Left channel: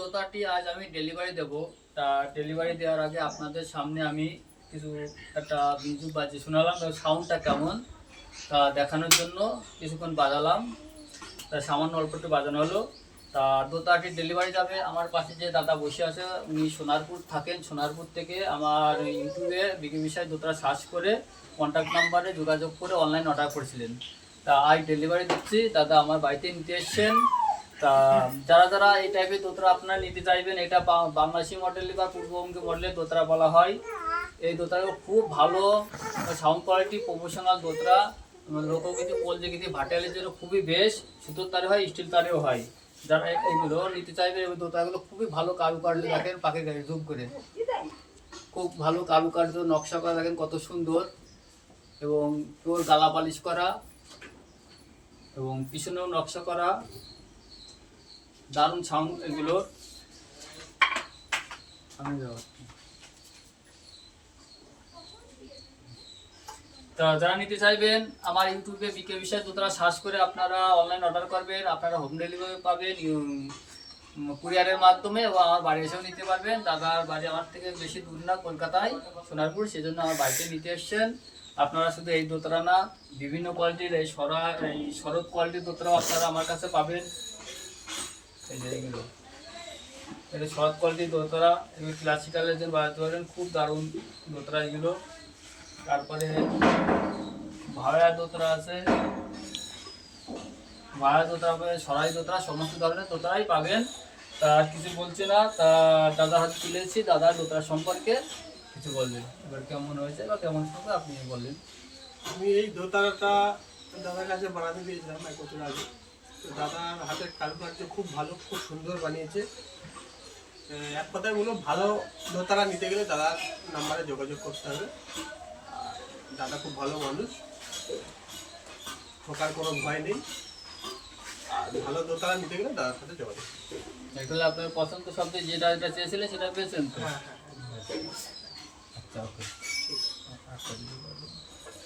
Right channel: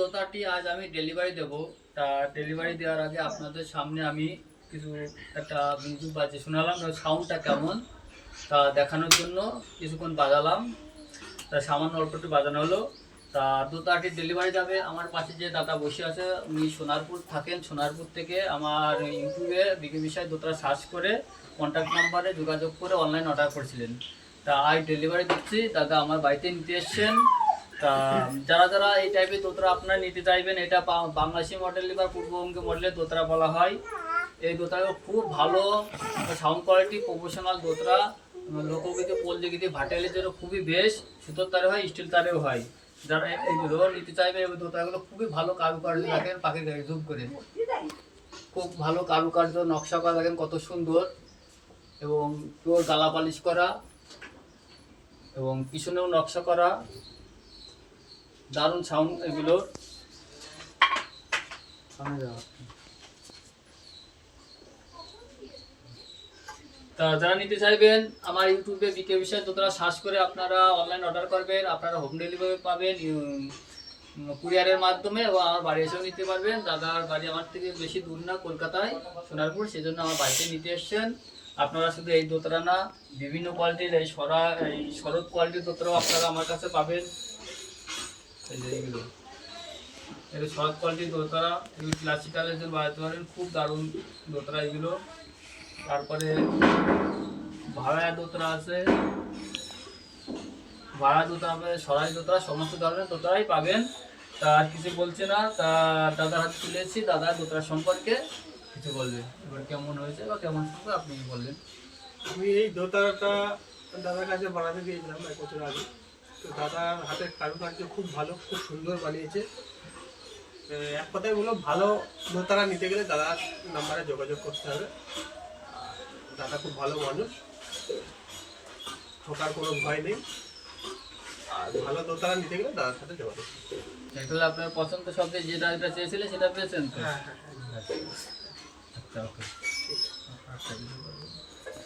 দোতাটি আজ আমি ডেলিভারি দেব। তা ডেলিভারি দেওয়ার আগে আপনাদের সামনে আমি কিছু একটা মিউজিক বাজিয়ে শোনালাম, সাউন্ডটা কেমন তা দেখানোর জন্য কিছুক্ষণ বাজালাম। তা সামান্য অল্প একটু বাজানো হলো। তা দোতাটি ডেলিভারি যাবে। আমার পাশে যে দাদা বসে আছে উনি সোনারপুর থাকেন। সোনারপুর থেকে আমার ইউটিউবে বিকে বিষয় দোতরা সার্চ করে কন্ট্যাক্ট নাম্বারে যোগাযোগ করে অনলাইন অর্ডার করেছিলেন। তা আজ ডেলিভারি দিচ্ছি, দাদা আমার বাড়িতে নিতে এসছেন। তা যারা যারা এই টাইপের দোতরা আপনারা নিতে চাইবেন, এটা বাংলাদেশি মডেল বা পূর্ববঙ্গে মডেলের দোতরা বলা হয়। এই দোতরা খুব ভালো সাউন্ড কোয়ালিটি, প্রফেশনাল দোতরা। লোকগীতি, পল্লীগীতি, ভাটিয়ালির জন্য খুবই বেশ। সুতোর তারে হয়, স্টিল তারেও হয়। যারা এইগুলো নিতে চাইবে এই দোতরাগুলো খুবই ভালো কারুকার্য দেখেন, পাখির গাড়ি জুম করে খুব ভালো কারুকার্য, নকশা করা দেখেন কত সুন্দর, এবং পিওর গালা পালিশ করা, এবং পিছনেও নকশা করা, দারুণ সাউন্ড এগুলো। তা যারা নিতে চাইবেন আমার ইউটিউবে বিকে বিষয় দোতরা সার্চ করে আপনারা অনলাইন অর্ডার করবেন। আপনারা হোম ডেলিভারি পাবেন কুরিয়ারের মাধ্যমে, এবং আমার বাড়ি এসেও নিতে পারবেন। দাদার বাড়ি আমার থেকে বেশি দূর না, কলকাতায় সোনারপুর, সেজন্য আমার বাড়িতে নিতে এসছেন। আপনারা শুধু এই দোতরা না, বিভিন্ন কোয়ালিটির এই শরৎ কোয়ালিটির দোতরাও আপনারা আমার কাছে পাবেন। এইগুলো এটা শরৎ কোয়ালিটির দোতরা, এগুলো ক্লাসিক্যালের জন্য বাজাতে পারেন, খুব দারুণ দোতরা এগুলো। তারপরে ভাড়া দোতরা আছে, ভাড়া দোতরা হবে, সরাই দোতরা, সমস্ত ধরনের দোতরাই পাবেন। তা আর কিছু বলছি না। তা দাদা হাত তুলেছি, দাদা দোতরা সম্পর্কে কিছু বলবেন, এবার কেমন হয়েছে বা কেমন শুনবে আপনি বলবেন। আমি এই দোতারাটা দাদার কাছে বানাতে দিয়েছিলাম 1 বছর আগে। তো দাদার হাতের কারুকার্য খুব ভালো, খুব সুন্দর বানিয়েছে। এক কথায় বলো, ভালো দোতারা নিতে গেলে দাদার নাম্বারে যোগাযোগ করতে হবে। আর দাদা খুব ভালো মানুষ, ঠকার কোনো ভয় নেই। আর ভালো দোতারা নিতে গেলে দাদার সাথে যোগাযোগ করতে হবে। আসলে আপনার পছন্দ শব্দে যেটা যেটা চেয়েছিলেন সেটা পেয়েছেন তো? হ্যাঁ হ্যাঁ হ্যাঁ। আচ্ছা, ওকে। আচ্ছা।